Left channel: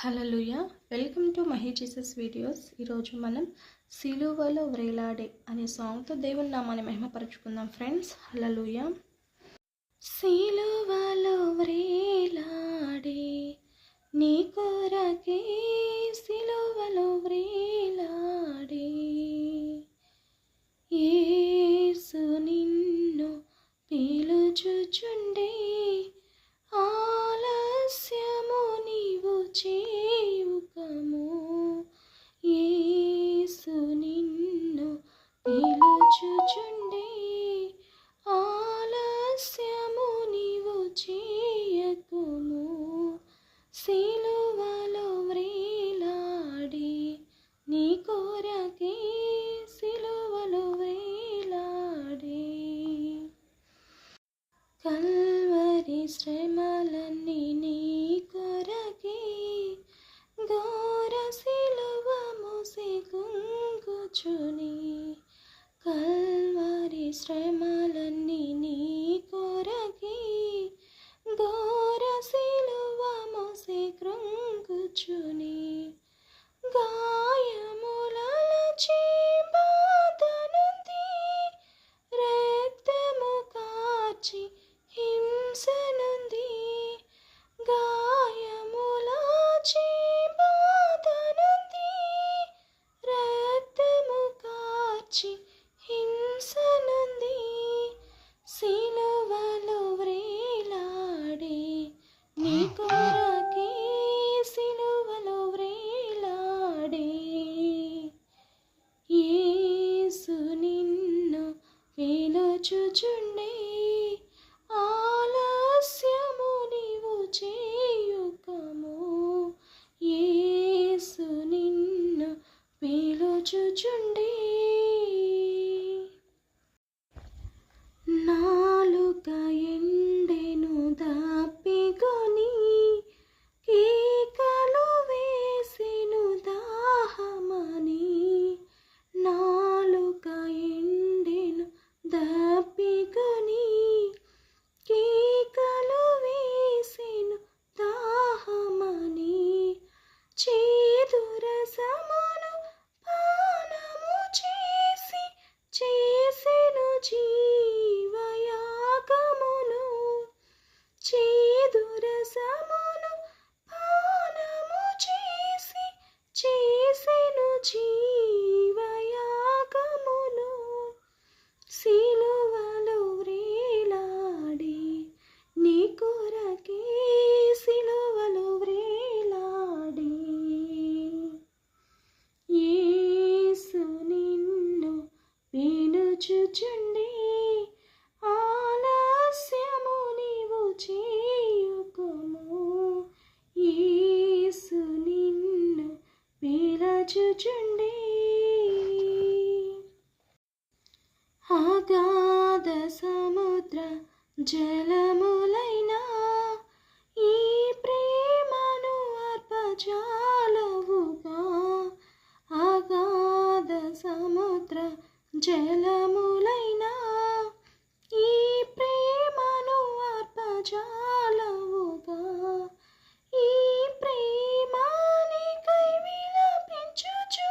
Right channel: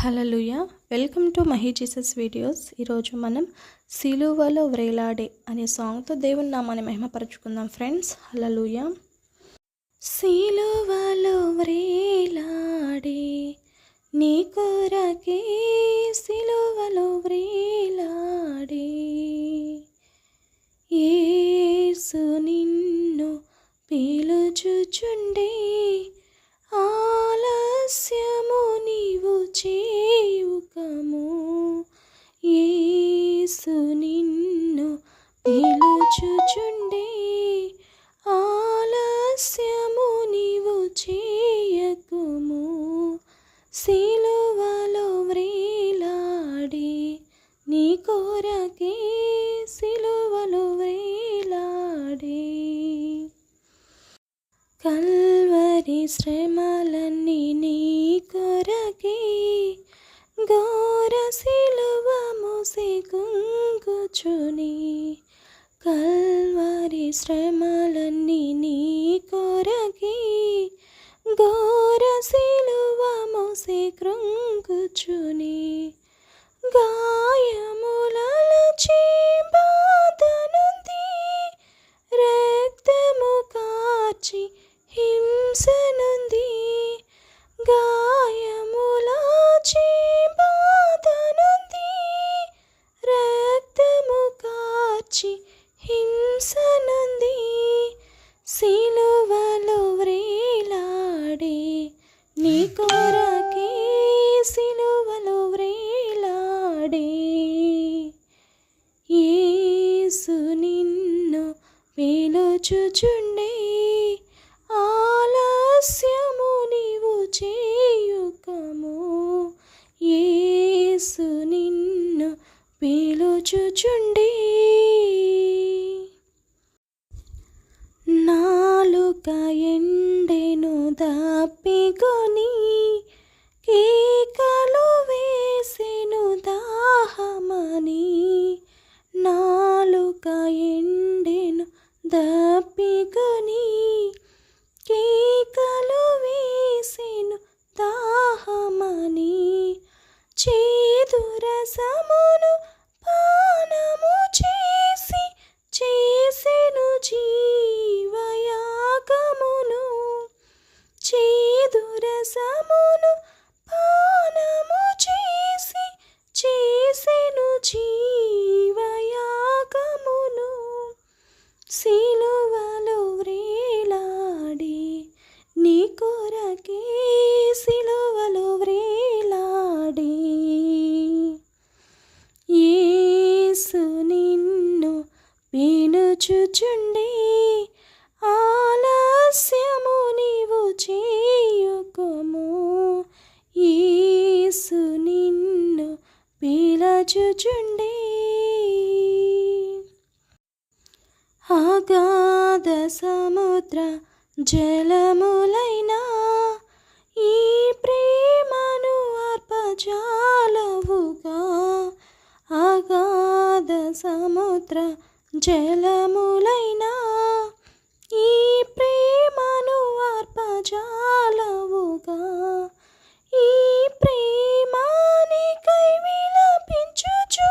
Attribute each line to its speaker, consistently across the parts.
Speaker 1: Hallelujah welcome to Mahi Jesus videos. ఈరోజు మనం సిలువలో వ్రేలాడే అనే సాంగ్తో దేవుని నామాన్ని మహిమపరచుకుందాం ఫ్రెండ్స్. హలలుయ సిలువలో వ్రేలాడే నీ కొరకే సిలువలో వ్రేలాడి నీ కోరకే సిలువలో వ్రేలాడే. కల్వరి శ్రమలన్నీ నీ కొరకే ఘోర సిలువ మోసి కుంగుచుని కల్వరి శ్రమలన్నీ నీ కొరకే ఘోర సిలువ మోసి కృంగుచుని పిలుచుచుండే ఆలస్యము నీవు చేయుకము. ఏసు నిన్ను పిలుచుచుండే. నాలుక ఎండెను దప్పికొని కేకలు వేసెను దాహమని నాలుక ఎండ దప్పికొని కేకలు వేసెను దాహమని చేదురసము పిలుచుచుండే ఆలస్యము నీవు చేయుకుము. యేసు నిన్ను పిలుచుచుండే. అగాధ సముద్ర జలములైనా ఈ ప్రేమను అర్పజాలవుగా అగాధ సముద్ర జలములైనా ఈ ప్రేమను అర్పజాలవుగా. ఈ ప్రేమానికై విలపించుచు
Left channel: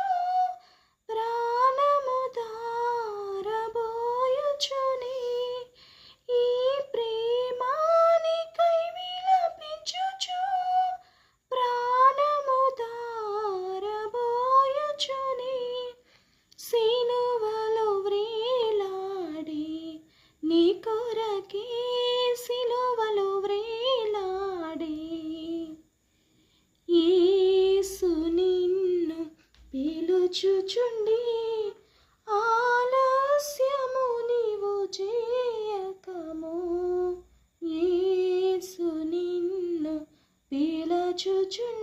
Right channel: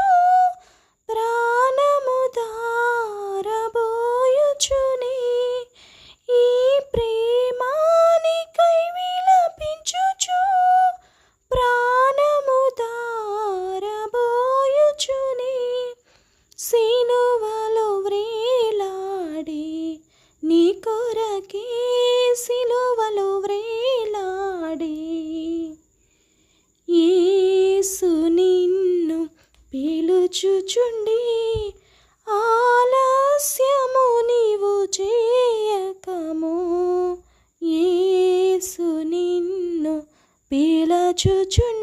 Speaker 1: ప్రాణము దారబోయుచుని ఈ ప్రేమానికై విలపించుచు ప్రాణము దారబోయుచుని సీ పిలుచుచుండి ఆలస్యము నీవు చేయకము. ఏసు నిన్ను పీలచుచుండి